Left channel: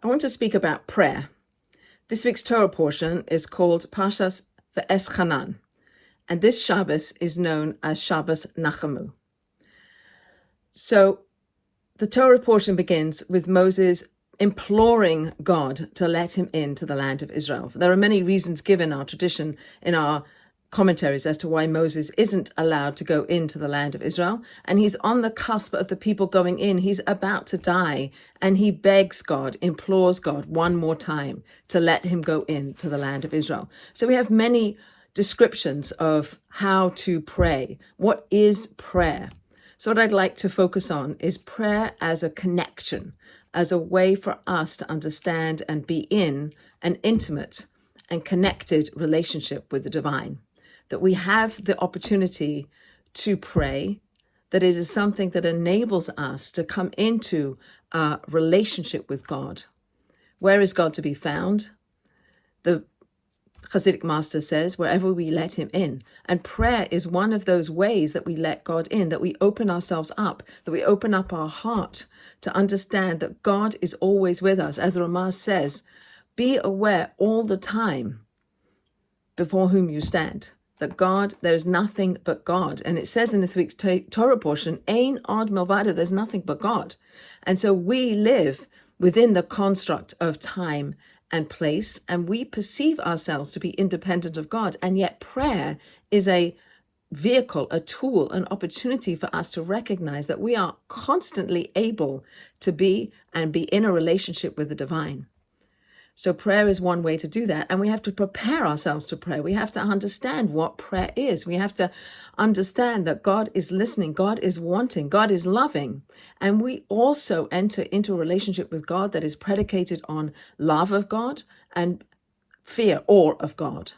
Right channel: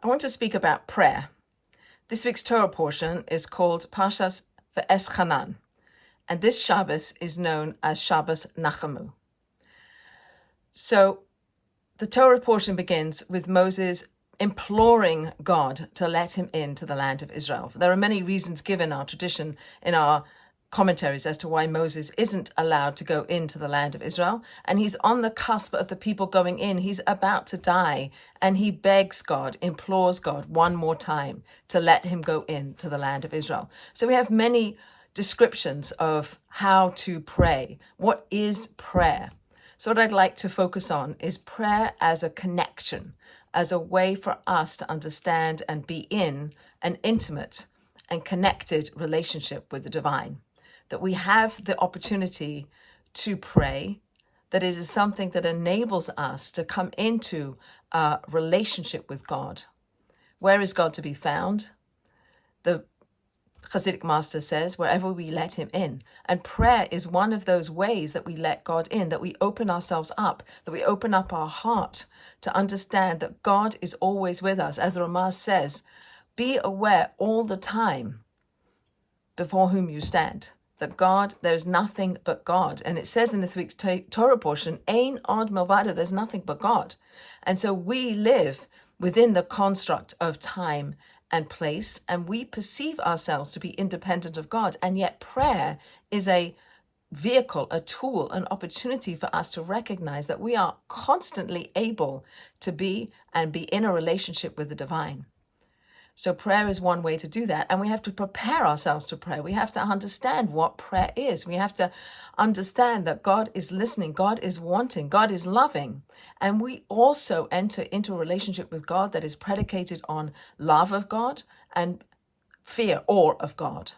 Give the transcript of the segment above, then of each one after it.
I want to speak about prayer. This week's Torah portion is called Parashat V'Eschanan, and this Shabbos is known as Shabbos Nachamu. So the Torah portion begins with Moses imploring God to let him into the land of Israel. There are many reasons given our tradition in our commentaries as to why Moses isn't allowed to go into the land of Israel, and he's on the cusp of the people going in. He's about to die, and he begs God, implores God one more time to let him go into the land of Israel. So we have many descriptions of how to pray. What is prayer? So what I'd like to focus on is prayer as a connection, as a way for us to understand and be in an intimate and connected relationship with the divine. That we have the opportunity to pray, that it is something that enables us to come into a relationship with God. Where is God to be found? The Hasidic master says, wherever we let him in. And prayer is one of those ways that we let God in, that we open ourselves up, that we open up our heart to understand that God is always with us. As the Ramah says, be aware all the time before whom you stand. That God, there's nothing but God. And it says in this week's Torah portion, Ein od milvado, there's nothing but God. And so we live within the construct of time and place, and we perceive ourselves to be independent of God. And yet prayer is a vehicle, a tool, an opportunity for us to recognize that we are constantly able to be in a relationship with the divine. So prayer is one way to do that. And we have to prepare ourselves to pray. We have to understand what prayer is. We have to understand that God is listening, God is wanting, God is loving. And we also enter into a relationship with God that is predicated on love of God and fear, awe of God.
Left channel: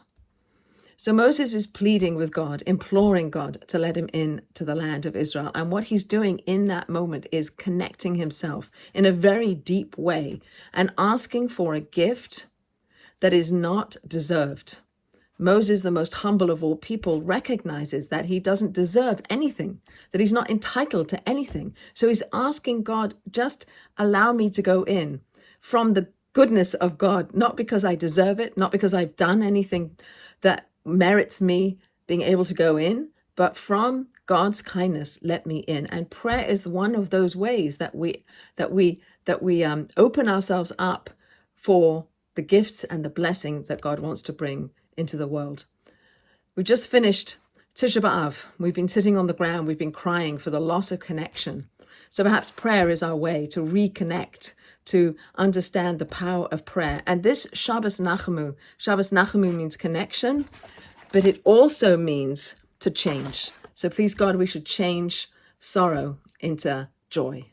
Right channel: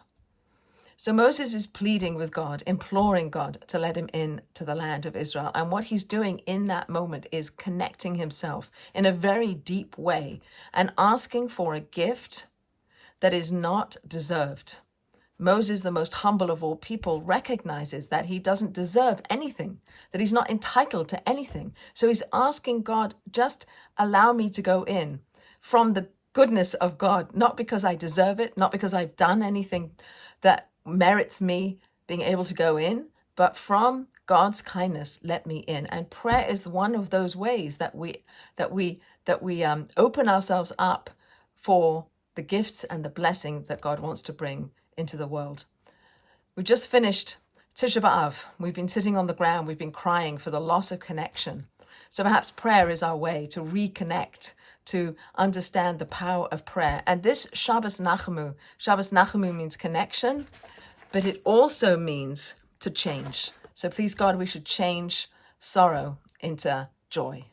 So Moses is pleading with God, imploring God to let him in to the land of Israel. And what he's doing in that moment is connecting himself in a very deep way and asking for a gift that is not deserved. Moses, the most humble of all people, recognizes that he doesn't deserve anything, that he's not entitled to anything. So he's asking God, just allow me to go in from the goodness of God, not because I deserve it, not because I've done anything that merits me being able to go in, but from God's kindness, let me in. And prayer is one of those ways that we open ourselves up for the gifts and the blessing that God wants to bring into the world. We just finished Tisha B'Av. We've been sitting on the ground. We've been crying for the loss of connection. So perhaps prayer is our way to reconnect, to understand the power of prayer. And this Shabbos Nachamu means connection, but it also means to change. So please, God, we should change sorrow into joy.